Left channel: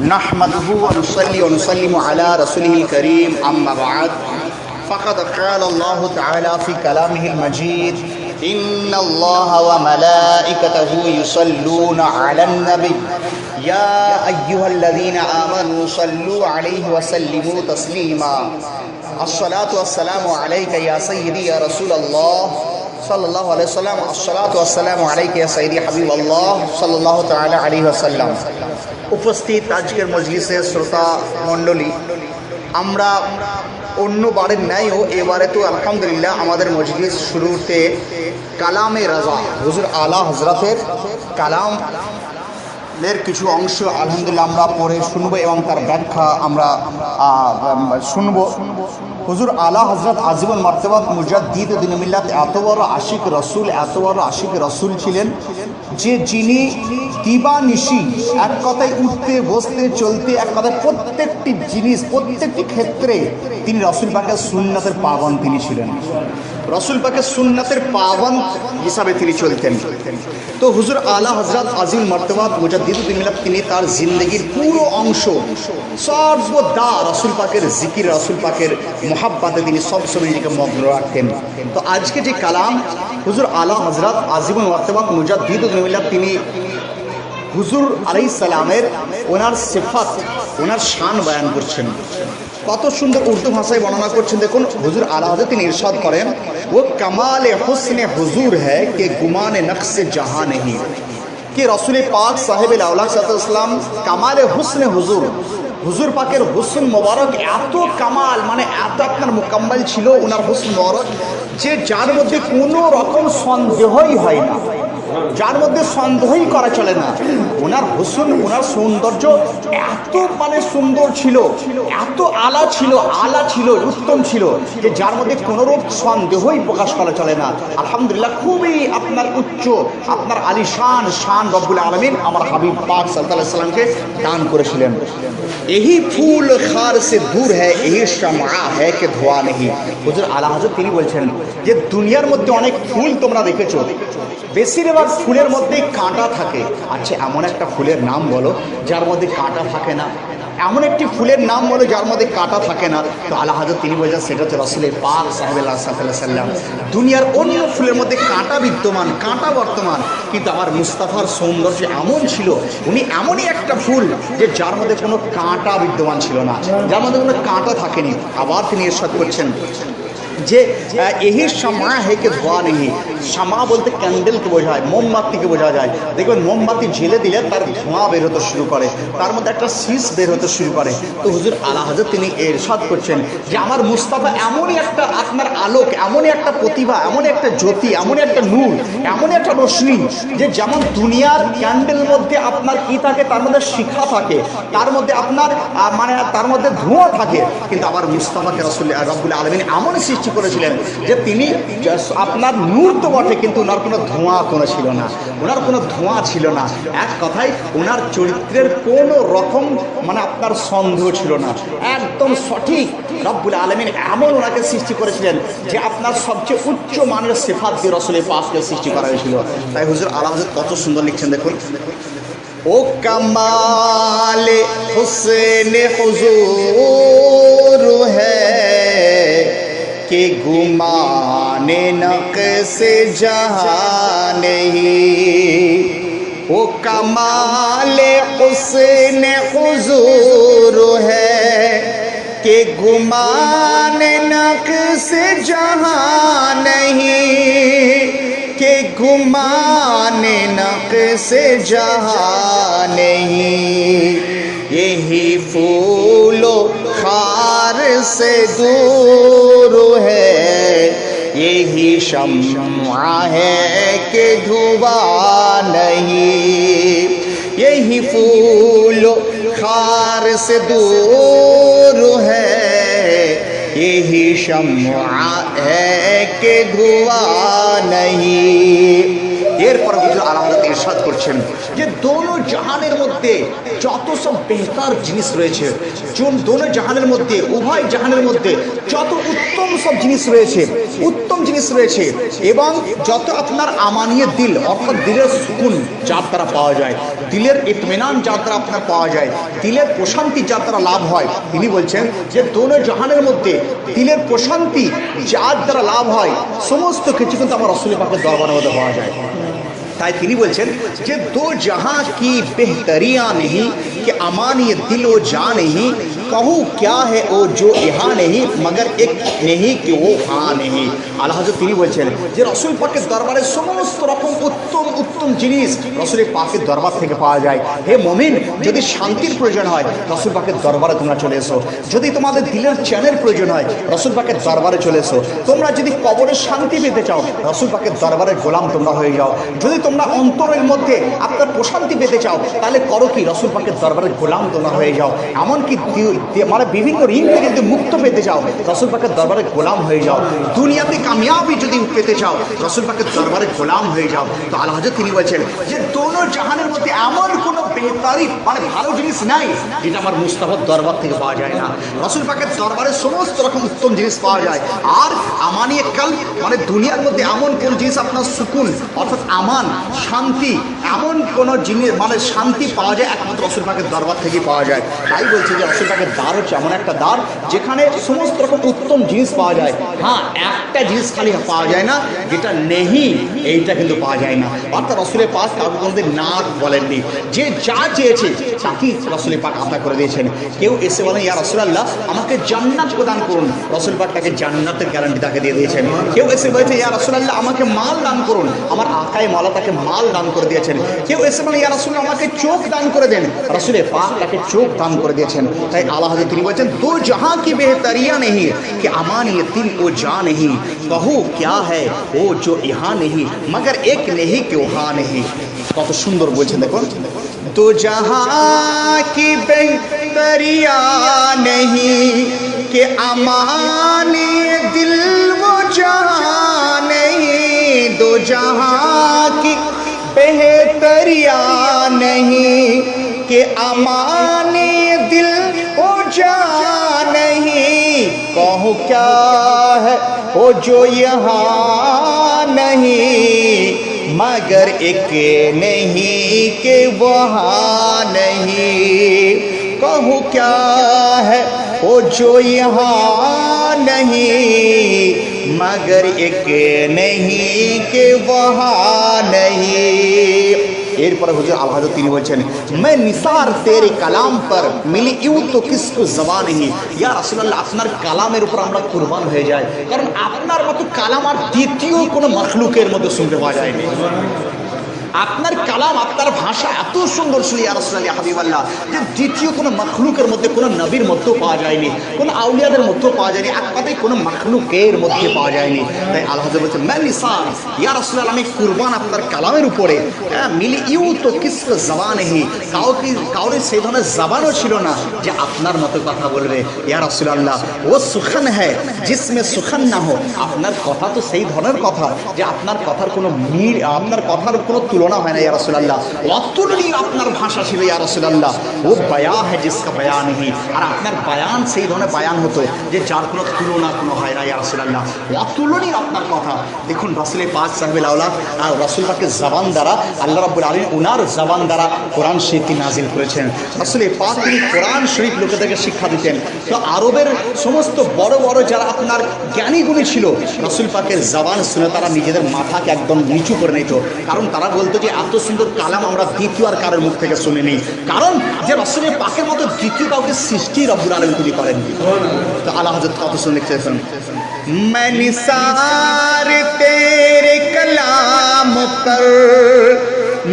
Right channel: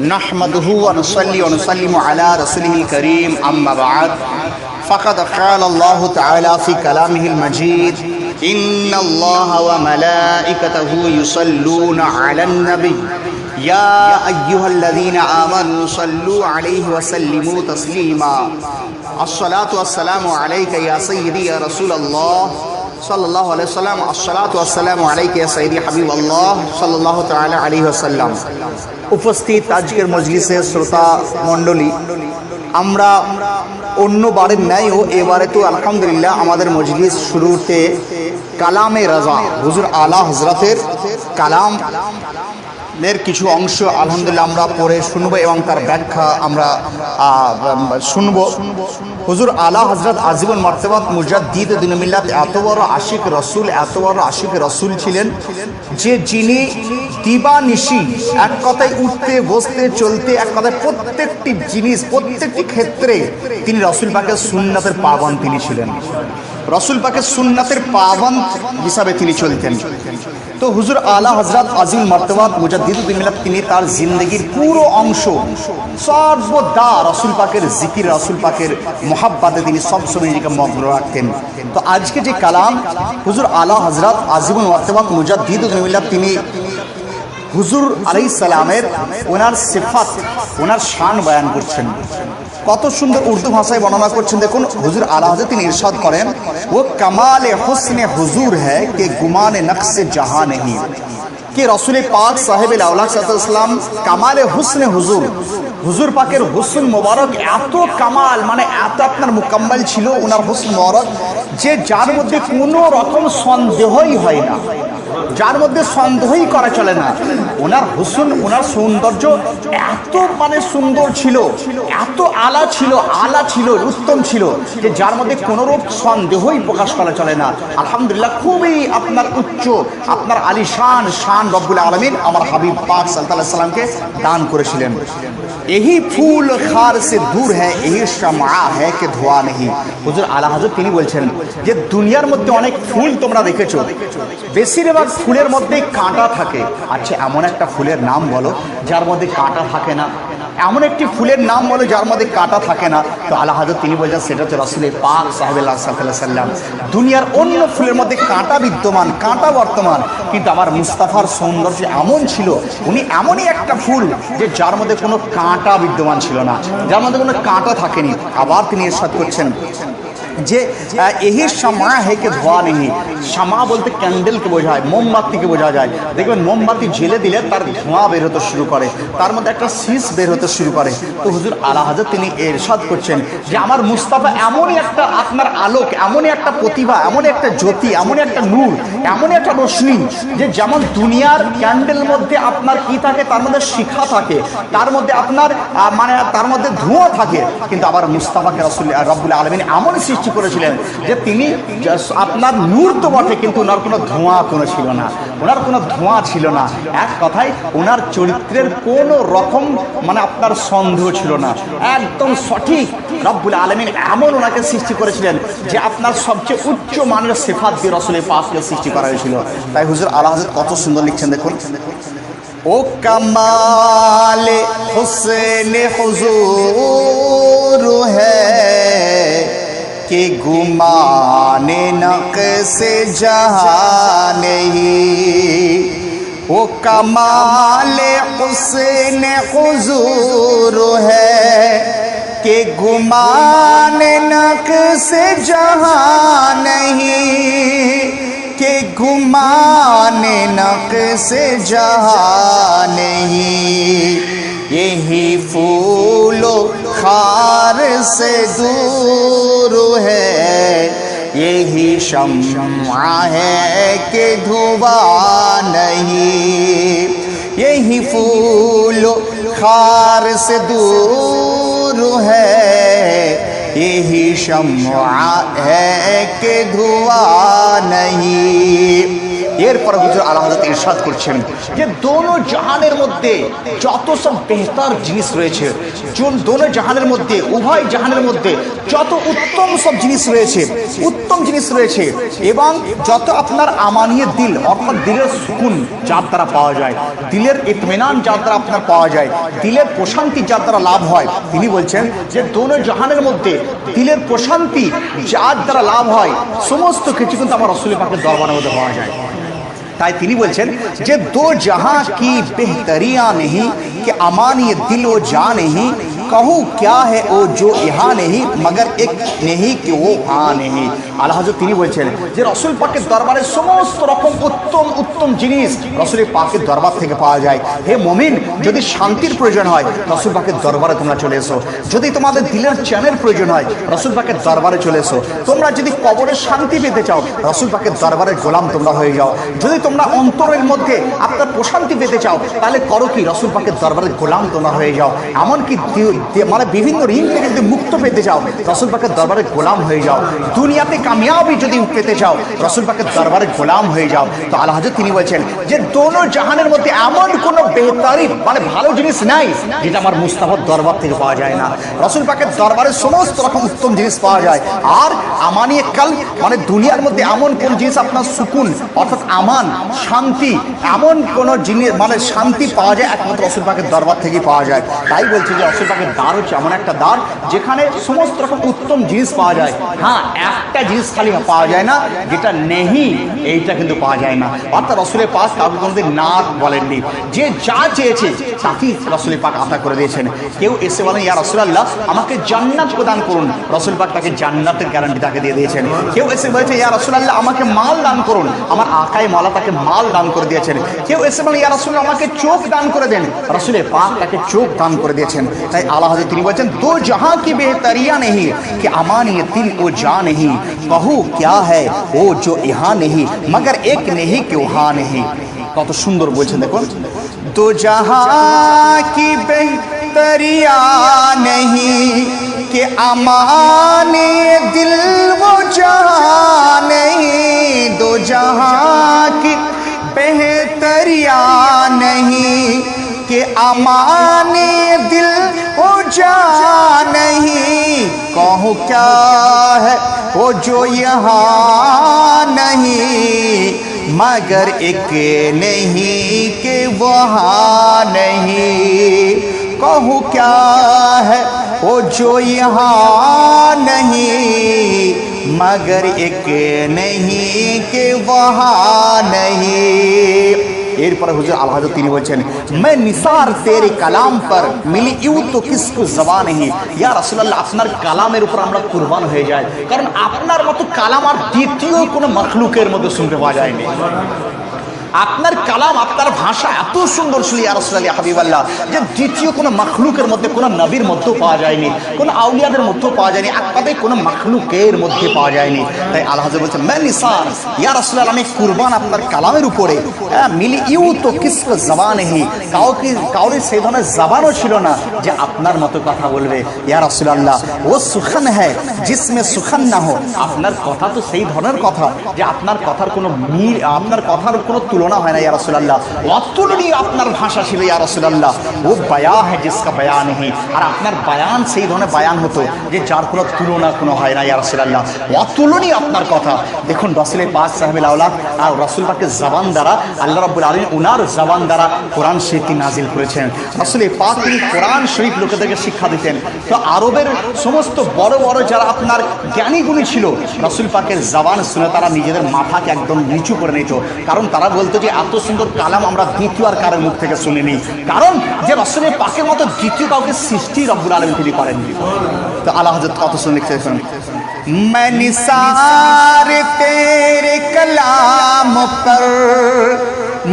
نحمده ونصلي ونسلم على رسوله الكريم أما بعد فقد قال الله تعالى في كلامه المجيد إن الله وملائكته يصلون على النبي يا أيها الذين آمنوا صلوا عليه وسلموا تسليما الصلاة والسلام عليك يا سيدي يا رسول الله صلى الله عليه وسلم الصلاة والسلام عليك يا سيدي حبيب الله صلى الله تعالى عليه وسلم উপস্থিত আজকের মজলিসের শ্রোতা মণ্ডলী, আমরা অন্যবারের ন্যায়ও এবারে তো আলহামদুলিল্লাহ আমাদের মজলিস শুরুতে কালামে রাজা হুজুর আলা হজরতের কালামের কিছু অংশ আলহামদুলিল্লাহ আমরা পড়ে শুনবো এবং তার ব্যাখ্যা আমরা শুনবো। হুজুর আলা হজরত আজীবন মার্তবাত মুজাদ্দিদ দ্বীন মিল্লাত এত বড় আশিক রসুল ছিলেন যে যিনি দিবানিশি এক কথায় উঠতে বসতে চলতে এক কথায় প্রত্যেকটি জিনিস প্রত্যেকটি ক্ষেত্রে তিনি রসুল পাকের সুন্নাতের পাবন তিনি ছিলেন, রসুল পাকের সুন্নাতের পাবন হিসাবে তিনি চলতেন। তো হুজুর আলা হজরত আজিম মার্তবাত মুজাদ্দিদ দ্বীন মিল্লাত তিনি তার জিন্দগির পুরো অংশ সর্বদা রসুল পাকের জিকির রসুল পাকের মোহাব্বতে তিনি সবসময় নিজেকে মগ্ন রাখতেন। তো আজকে যে কালাম হুজুর আলা হজরত আজিম মার্তবাত মুজাদ্দিদ দ্বীন মিল্লাত তিনি হুজুর আলাইহিস সালামের ওনার সিফাত ওনার শান বয়ান করছেন, কত সুন্দর উর্দু ভাষায় বর্ণনা করছেন। দেখুন হুজুর আলা হযরত তিনি ইরশাদ করেন, ও কামালে হুসনে হুজুর হ্যায় কে গুমানে নকশে জাহাঁ নেহি, কে রসুল পাক সাহেব আলাইহিসসালাম কামালে হুসনে হুজুর, হুজুর পাকের হুসন মোবারক এত কামাল মানে এত আপনার মোকাম্মল ছিল ওনার হুসন মোবারক যে যার মধ্যে কোনো রকম সন্দেহই হয় না, যার মধ্যে সন্দেহই করা চলে না। ওনার হুসন ওনার সৌন্দর্য এত মানে সুন্দর ছিল, এত আলা ছিল উত্তম ছিল যে যার মধ্যে কোনোরূপ সন্দেহই প্রকাশ করা চলে না। আলহামদুলিল্লাহ খুবই আপনার উচ্চ আপনার আলিশান শান রব্বুল আলামিন আমার হাবিব পাক সাল্লাল্লাহু আলাইহি সাল্লামকে দান করেছিলেন। এই ফুল খার সে দূর হ্যায় এই শামা হ্যায় কে ধোয়া নেহি। হুজুর আলা হযরত তিনি বলছেন যে দুনিয়ার মধ্যে অনেক ফুল তোমরা দেখেছো, বেশিরভাগ ফুলের মধ্যে কাঁটা থাকে। আচ্ছা এমন একটা ফুলের নাম বলো যার মধ্যে কাঁটা থাকে না, এমন একটি ফুলের নাম বলো যার মধ্যে কাঁটা থাকে না। তো আলা হযরত তিনি বলছেন সেটা হচ্ছে রসুলের পাক সাহেবুল্লাহ সাল্লাল্লাহু আলাইহি সাল্লাম। দুনিয়ার অন্য ফুলের মধ্যে কাঁটা বিদ্যমান, কাঁটা বর্তমান, কিন্তু আমার মুস্তাফার সৌন্দর্য এমন ছিল, উনি এমনই একটা ফুল যে যার মধ্যে কোনো কাঁটা বিদ্যমান ছিল না, যার মধ্যে কোনো কাঁটা থাকেনি। আবার তিনি ইরশাদ করছেন যে এই শামা হেকে ধোয়া নেই। শামা বলতে ক্যান্ডেলকে বোঝায়, মোমবাতিকে বোঝা যায়। দেখবেন মোমবাতি ঝেলে দিলে তার ধোঁয়া বের হতে শুরু করে, তার মধ্যে একটা শীষ বের হতে শুরু করে। তো হুজুর আলা হযরত তিনি ইরশাদ করছেন যে আমার মুস্তাফা এমনই একটা আপনার আলোক, এমনই একটা প্রতিভা, এমনই একটা জ্যোতি, এমনই একটা নূর, এমনই একটা রশ্মি যে যেমন দুনিয়ার ক্যান্ডেল মধ্যে আপনার কি থাকে, তার মধ্যে শিখা থাকে, তার মধ্যে আপনার মানে তার মধ্যে ধোঁয়া থাকে, কিন্তু আমার মুস্তাফাকে রাসূল রব্বুল আলামিন এমন সৃষ্টি করেছিলেন যে তিনি আপনার নূর তো বটে কিন্তু ওনার কোনো ধোঁয়া ছিল না, ওনার কোনো ধোঁয়া ছিল না। এক কথায় ওনার চরিত্রের কোনো রকম মানে আপনার সন্দেহ ছিল না, একদম সঠিক। রব্বুল আলামিন এমন ওনাকে সৃষ্টি করেছিলেন যে আপনার সবচেয়ে উচ্চ মানের সিফাত দিয়ে রসুলের পাককে সৃষ্টি করা হয়েছিল। তাই হুজুর আলা হযরত কত সুন্দর লিখছেন দেখুন, ও কামালে হুসনে হুজুর হ্যায় কে গুমানে নকশে জাহাঁ নেহি, ও কামালে হুসনে হুজুর হ্যায় কে গুমানে নকশে জাহাঁ নেহি, কে গুমানে নকশে জাহাঁ নেহি, यही फूलो खार से दूर है, यही शम्मा है कि धुआं नहीं, यही फूलो खार से दूर है, यही शम्मा है कि धुआं नहीं। এরপর হুজুর আলা হযরত ইরশাদ করছেন যে দোনো জাহানের মধ্যে মধ্যে যত সব বেহতার জিনিস রয়েছে, দোনো জাহানের মধ্যে, উভয় জাহানের মধ্যে যত উত্তম সব জিনিস রয়েছে, উত্তম জিনিস রয়েছে, এবং যত আপনার আমানিয়ে দিল অর্থাৎ দিলের সুকুন যার দ্বারা পাওয়া যায়, দিলের ইতমিনান যার দ্বারা আপনার পাওয়া যায়, দিলের প্রশান্তি যার দ্বারা লাভ হয়, তিনি বলছেন যে দোনো জাহানের মধ্যে দিলের প্রশান্তি যার দ্বারা লাভ হয় সমস্ত কিছু কিন্তু আমার রসুল পাকের দরবারের মধ্যে পাওয়া যায়। তাই তিনি বলছেন যে দো জাহাঁ কি বেহতরিয়া নেহি कि अमान ये दिल व जा नहीं, कहूँ क्या है ओ जो यहाँ नहीं मगर एक नहीं कि वो हाँ नहीं। আল্লাহ হযরত তিনি বলছেন যে রসুল পাকের দরবারে সমস্ত রকম উত্তম উত্তম জিনিস রসুল পাকের দরবার থেকে পাওয়া যায়। হে মুমিন, যদি শান্তির প্রয়োজন হয় রসুল পাকের দরবারে তোমরা চলে এসো, যদি তোমাদের দিলের চ্যানের প্রয়োজন হয় রসুল পাকের দরবারে চলে এসো, তোমরা যদি কবরের শান্তি পেতে চাও রসুল পাকের দরবারের গোলাম তোমরা হয়ে যাও, যদি তোমরা অন্তরের মধ্যে আপনার প্রশান্তি পেতে চাও তাহলে করো কি রসুল পাকের দরবারের গোলাম তোমরা হয়ে যাও, এমনকি মানে বিভিন্ন ঋণ থেকে যদি মুক্ত পেতে চাও রসুল পাকের দরবারের গোলাম হয়ে যাও, দুনিয়াতে কামিয়াবি যদি পেতে চাও রসুল পাকের দরবারের গোলাম হয়ে যাও। তো আল্লাহ হযরত তিনি বলছেন যে দোনো জাহানের মধ্যে এমন কোনো বেহতারি মানে ভালো জিনিস নাই যেটা আমার মুস্তাফার দরবার থেকে পাওয়া যায় না। রসুল পাকের দরবারে সমস্ত রকম উত্তম জিনিস পাওয়া যায়। আর আমানিয়ে কাল মানে দুনিয়ার মধ্যে এমন কোন জিনিস আপনার সুকুন অর্থাৎ আমান শান্তি এমন কোন জিনিস মানে শান্তি পাওয়া যায় একমাত্র রসুল পাকের দরবার থেকে পাওয়া যায়। তাই বলছি যে রসুল পাকের দ্বার হচ্ছে এমন একটা দ্বার যেখানে সমস্ত রকম উত্তম জিনিস পাওয়া যায়। হ্যাঁ, একটা জিনিস খালি পাওয়া যায় না যেটা নেহি, এইটা কিন্তু পাওয়া যায় না। অর্থাৎ রসুলের পাক কাউকে কোনোদিন না বলেননি, যে যা চেয়েছে তাকেই রসুলের পাক আতা করে দিয়েছেন। কেউ এসে বলেন ইয়া রাসূলুল্লাহ আমাকে জান্নাত প্রদান করুন, রসুল পাক তাকে জান্নাতের গ্যারান্টি তাকে দিয়ে দিয়েছেন। কেউ এসে বলেছে ইয়া রাসূলুল্লাহ আমাকে মাল দান করুন, আমার আকায় মালা তাকে মাল দান করে দিয়েছেন। কেউ এসে বলে ইয়া রাসূলুল্লাহ আমাকে চোখ দান করে দেন, রসুলের পাক তাকে চোখ দান করে দিয়েছেন। তাই আল্লাহ হযরত তিনি বলেছেন দো জাহাं की बेहतरिया नहीं कि अमान ये दिल को जा नहीं, कहूँ क्या है वो जो यहाँ नहीं मगर एक नहीं कि वहाँ नहीं। কত সুন্দর বলছেন দেখুন, दो जहां की बेहतरिया नहीं कि अमान ये दिल वो जहाँ नहीं, दो जहां की बेहतरिया नहीं कि अमान ये दिल वो जहाँ नहीं, कहूँ क्या है वो जो यहाँ नहीं मगर एक नहीं कि वहाँ नहीं, कहूँ क्या है वो जो यहाँ नहीं मगर एक नहीं कि वहाँ नहीं। এরপরে হুজুর আল্লাহ হযরত তিনি বলছেন मैं निसार तेरे कलाम पर मिली यूं तो किसको जबान नहीं, ইয়া রাসূলুল্লাহ আপনার কালামের উপর আমরা কুরবান হয়ে যাই, কারণ আপনার মতো কালাম আর দ্বিতীয় কোনো মাখলুকের মধ্যে শুনতে পাওয়া যায়নি। আপনার কালাম আপনার ভাষা এত সুন্দর ছিল ইয়া রাসূলুল্লাহ হাবিবাল্লাহ যে দ্বিতীয় কোনো মাখলুকের মধ্যে কোনো নবীর মধ্যেও পাওয়া যায়নি, কোনো আউলিয়াদের মধ্যেও পাওয়া যায়নি, একবারে কোনো মাখলুকের মধ্যে পাওয়া যায়নি। তাই আল্লাহ হযরত বলছেন मैं निसार ইয়া রাসূলুল্লাহ আমি কুরবান আপনার কালামের উপরে, মিলি ইউ তো কিসকো জবান নেই, কাউকে সেই ধরনের জবানও ছিল না যে আপনার মতো কথা বলবে। ইয়া রাসূলুল্লাহ ও সুখান হ্যায় জিসমে সুখান না হো, আপনার কথা তো সেই ধরনের কথা যে আপনার কথার কোনো মিল আপনার কথার কোনো তুলনা হয় না ইয়া রাসূলুল্লাহ, অতুলনীয় আপনার ভাষা ছিল ইয়া রাসূলুল্লাহ, ও বায়া হ্যায় জিসকা বায়া নেই, আর আপনার বায়ান সেই ধরনের বায়ান হতো যে যার কোনো তুলনা কোনো হয় না ইয়া রাসূলুল্লাহ, অতুলনীয় আপনার কথা। দেখুন রাসূলের পাক সাহেবুল আওলাদ আর রাসূল পাকের জবান দ্বারা আল্লাহ রাব্বুল আলামিন ওনার জবান দ্বারা কোরআন শরীফ নাজিল করেছেন। রাসূলের পাক তিনি কোরআন শরীফ লোকেদেরকে শিক্ষা দিতেন। তো আরবের সমস্ত বড় বড় যারা আপনার জ্ঞানীগুণী ছিল রাসূল পাকের জবান শুনে তারা নিজেদের মাথাকে একদম নিচু করে নিত, কারণ তারা বলতো যে এত সুন্দর কালাম আমরা দ্বিতীয় আর কারোর মুখ থেকে শুনিনি, কারণ যে রাসূলের পাকের মতো দ্বিতীয় কাউকে সৃষ্টি রব্বুল আলামিন তিনি করেননি। তো আল্লাহ হযরত কত সুন্দর লিখেছেন मैं निसार तेरे कलाम पर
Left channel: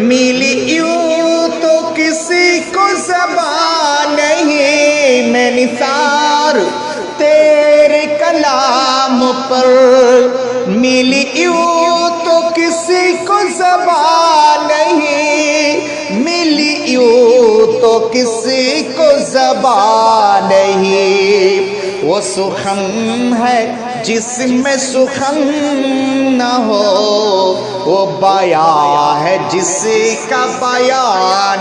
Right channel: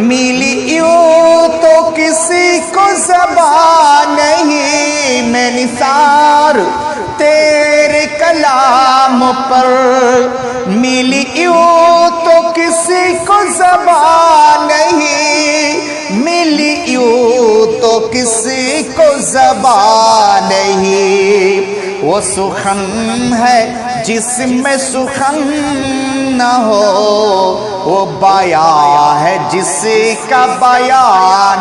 मिली यूं तो किसी को ज़बान नहीं, मैं निसार तेरे कलाम पर मिली यूं तो किसी को ज़बान नहीं, मिली यूं तो किसी को ज़बान नहीं, वो सुखन है जिसमें सुखन न हो, वो बया है जिसका बया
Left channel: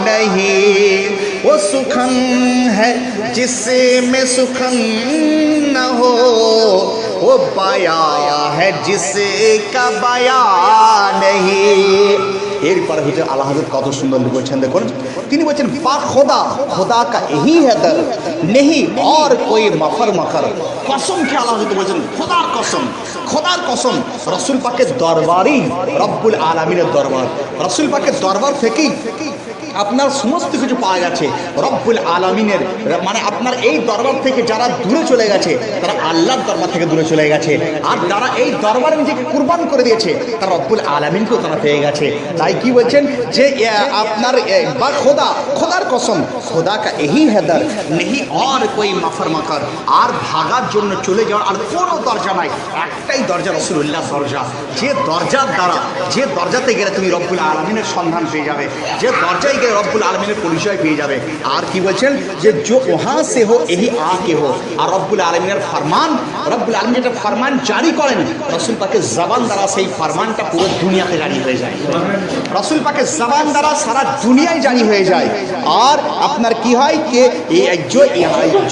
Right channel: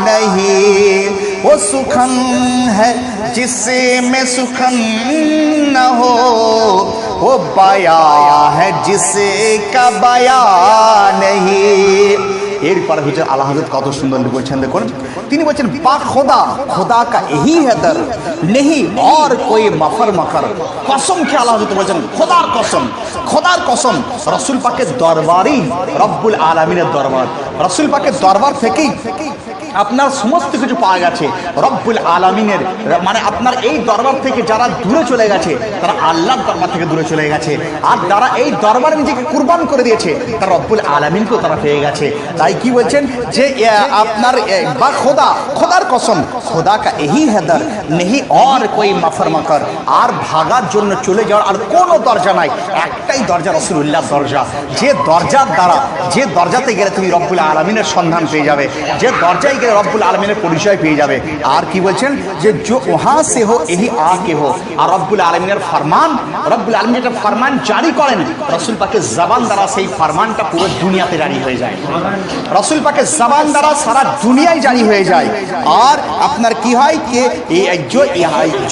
नहीं, वो सुखन है जिसमें सुखन न हो, वो बया है जिसका बया नहीं। এরপর হুজুর আলা হযরত কত সুন্দর বলছেন, দেখুন তিনি বলছেন বা খোদা, খোদা কা यही है दर नहीं और कोई मफर मफर। কসম কে আলা হযরত বলছেন খোদার কসম, খোদার কসম, রাসূল পাকের দরবারই রব্বুল আলামিনের দরবার, রাসূল পাকের দরবার থেকেই আপনার সমস্ত কিছু পাওয়া গেছে রব্বুল আলামিনের, মানে আপনার এই দরবার থেকে যারা দূরে চলে গেছে তারা আল্লাহর দরবার থেকে দূরে চলে গেছে, আর যারা এই দরবারে নিজেকে কুরবান করে দিয়েছে তারা রব্বুল আলামিনকেও তারা পেয়ে গেছে। তাই কি বলছেন যে আপনার বা খোদা, খোদার কসম, খোদা কা यही है दर नहीं और कोई मफर मफर। আর ভাগার জন্য চলে যাওয়ার আর কোনো দরজা নাই, একটাই দরজা রাসূলুল্লাহ দরজা, যে দরজার দ্বারা, যে দরজাতে গেলে তুমি রব্বুল আলামিনের সন্ধান পেয়ে যাবে, যে দরজায় রব্বুল আলামিনের পরিচয় পেয়ে যাবে। আর কি বলছেন যে जो वहाँ से हो यही आके हो। আর রব্বুল আলামিনের ফরমান, রব্বুল আলামিন যেটা ফরমান জারি করেন রাসূল পাকের জবান দ্বারা সেই ফরমানটা পুরো দুনিয়াতে জারি হয়ে যায়, রাসূল পাকের জবান দ্বারা সারা দুনিয়ায় জারি হয়ে যায়। আর আপনার কি হয় যে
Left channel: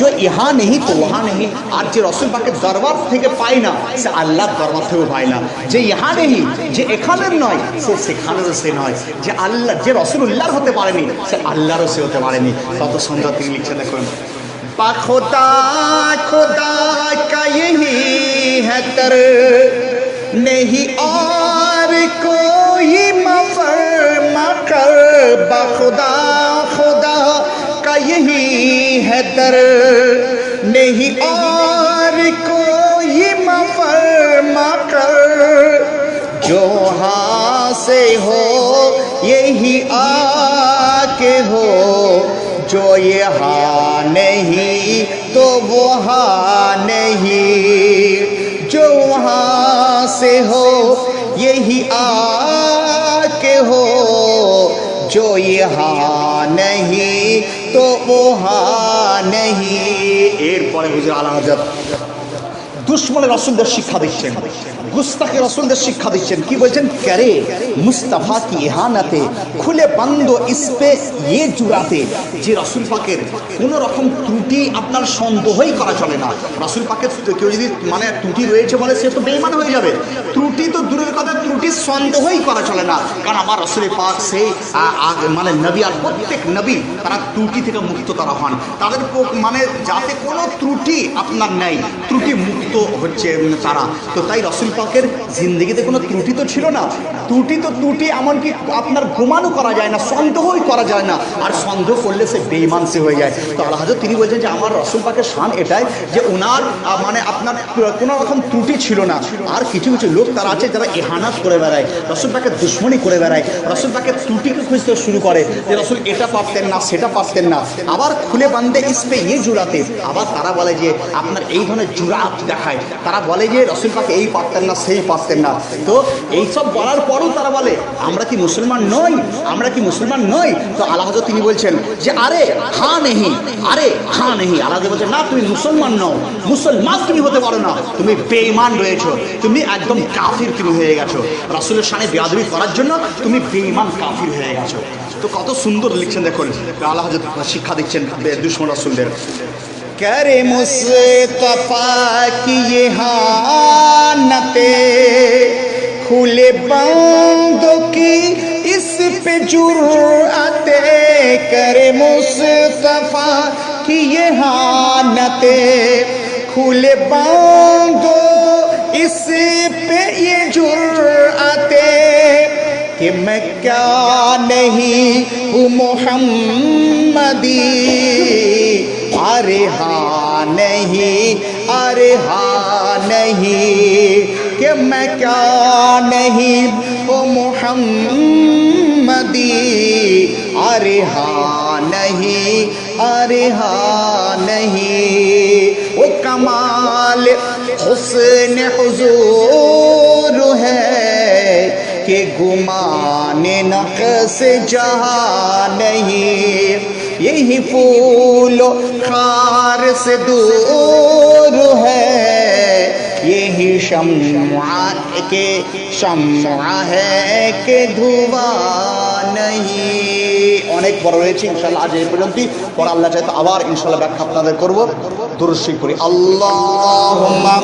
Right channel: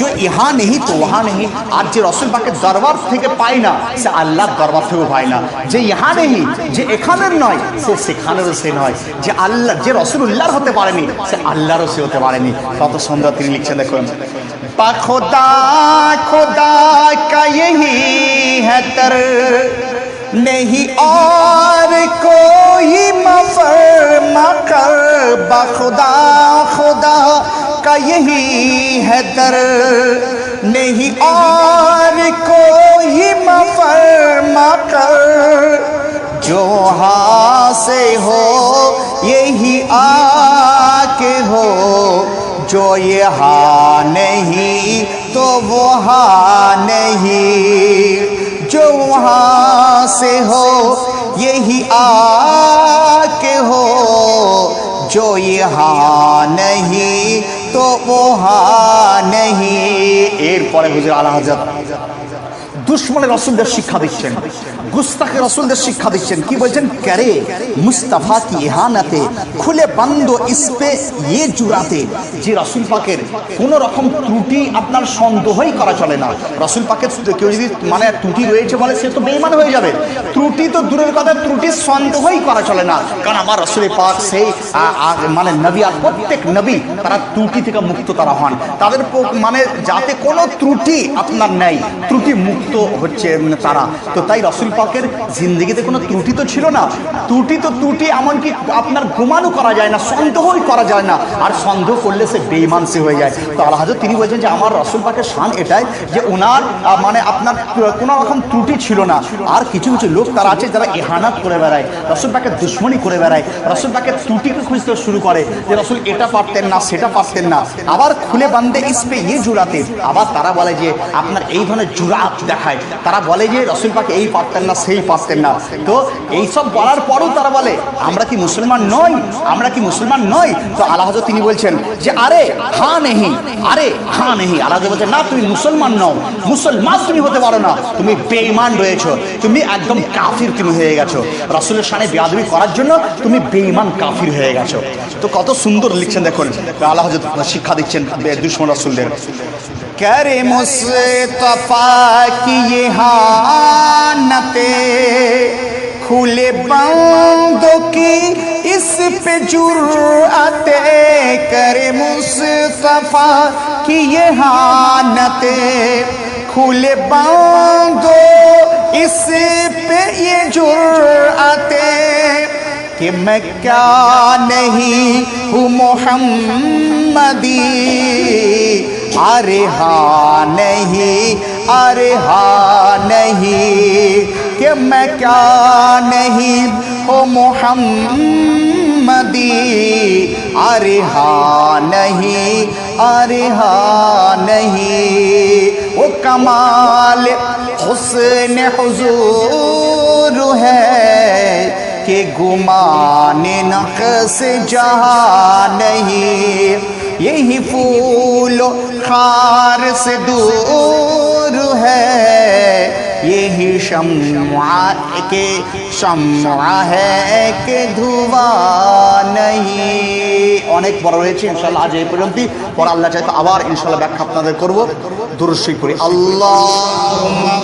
जो यहाँ नहीं तो वहाँ नहीं। আর যে রাসূল পাকের দরবার থেকে পায় না সে আল্লাহর দরবার থেকেও পায় না, যে ইহা নেই, যে এখানের নয় সে সেখানেরও সে নয়, যে আল্লাহ, যে রাসূলুল্লাহর হতে পারেনি সে আল্লাহরও সে হতে পারেনি। কত সুন্দর তিনি লিখছেন, দেখুন বা খোদা, খোদা কা यही है तर नहीं और कोई मफर मकर। बा खुदा, खुदा का यही है दर नहीं और कोई मफर मकर। जो हाँ से हो यही आके हो, जो यहाँ नहीं तो वो हाँ नहीं, जो वहाँ से हो यही आके हो, जो यहाँ नहीं तो वो हाँ नहीं। এরপরে হুজুর আলা হযরত দুশ্মনের রাসূলদের শিক্ষা দিচ্ছেন, গুস্তাখে রাসূলদের শিক্ষা দিচ্ছেন। কি বলছেন, करे মুস্তাফা কি ইহানাতে খুলে বন্ধ ইসপে ये জুরাতে। যে রাসূল পাকের কোনো রকম ত্রুটি আপনার সন্দেহই করা চলে না। রাসূল পাকের কেউ যদি মানে ত্রুটি রয়েছে বলে সে তো বেঈমান হয়ে যাবে। ত্রুটি তো দূরের কথা, ত্রুটির সন্দেহই করা চলে না, কারণ আমার রাসূল পাক সেই মানে নবী, আর প্রত্যেক নবী তারা ত্রুটি থেকে মুক্ত তারা হন, তাদের মানে যাতে কোনো ত্রুটি আপনার নেই, ত্রুটি মুক্ত হচ্ছে তারা। তো তাই রাসূল পাকের জিন্দেগিতে কোনো ত্রুটি তো ছিল না। ত্রুটি তো ত্রুটি, এমনকি আপনার গুমানও করা যায় না, সন্দেহই করা যায় না, আর সন্দেহ করলে সে বেঈমান সে হয়ে যায়। তো আল্লাহ হযরত তিনি বলছেন যে আমার রাসূল পাকের শান এটাই যে ওনার মানে আপনার কোনো রকম ত্রুটি ছিল না। আর কিছু কিছু লোক তারা আছে যারা ইহানাত করে বেড়ায়, রাসূল পাকের দুশমনি করে বেড়ায়, রাসূল পাকের ত্রুটিকে খুঁজতে শুরু করে যে রাসূল এটা পারতেন না, সেটা পারতেন না, আবার খুলে বান্ধে ইসপে ইয়ে জুরাতে। আবার তারা বলে যে আপনার এই ধরনের জুরাত দেখায়, তারা বলে যে রাসূল পাক এই পারতেন না, সেই পারতেন না। তো এইসব বলার পরেও তারা বলে আমরা কি মুসলমান নই, আমরা কি মুসলমান নই? তো আল্লাহ হযরত তিনি বলছেন যে আরে হ্যাঁ নেহি, আরে হ্যাঁ নেহি। আল্লাহ বলছেন না, তুমি মুসলমান নও, মুসলমান তুমি হতে পারো না, তুমি বেঈমান রয়েছো, তুমি একদম কাফির তুমি হয়ে গেছো। রাসূলের শানে বেয়াদবি করার জন্য তুমি বেঈমান কাফির হয়ে গেছো। তো কত সুন্দর লিখছেন, দেখুন আল্লাহ হযরত শিক্ষা দিচ্ছেন দুশমন রাসূলদের। करे मुस्तफा की ये हानते खुले बंदों की इस पे जुर्अते। करे मुस्तफा की ये हानते खुले बंदों इस पे ये जुर्अते कि मैं क्या नहीं हूँ मोहम्मदी। अरे हाँ नहीं, अरे हाँ नहीं कि मैं क्या नहीं हो मोहम्मदी। अरे हाँ नहीं, अरे हाँ नहीं। वो कमाल हुस्न हुजूर है कि गुमाने नक्श जहाँ नहीं। यही फूल खार से दूर है, यही शम्आ के शम्आ है के धुआं नहीं। অনেক বড় হয়েছে, ইনশাআল্লাহ আজ এই পর্যন্তই। পরে আল্লাহ চাইতো আবার ইনশাআল্লাহ ব্যাখ্যা আপনাদের করব। দুরূদ শরীফ পড়ি। আল্লাহুম্মা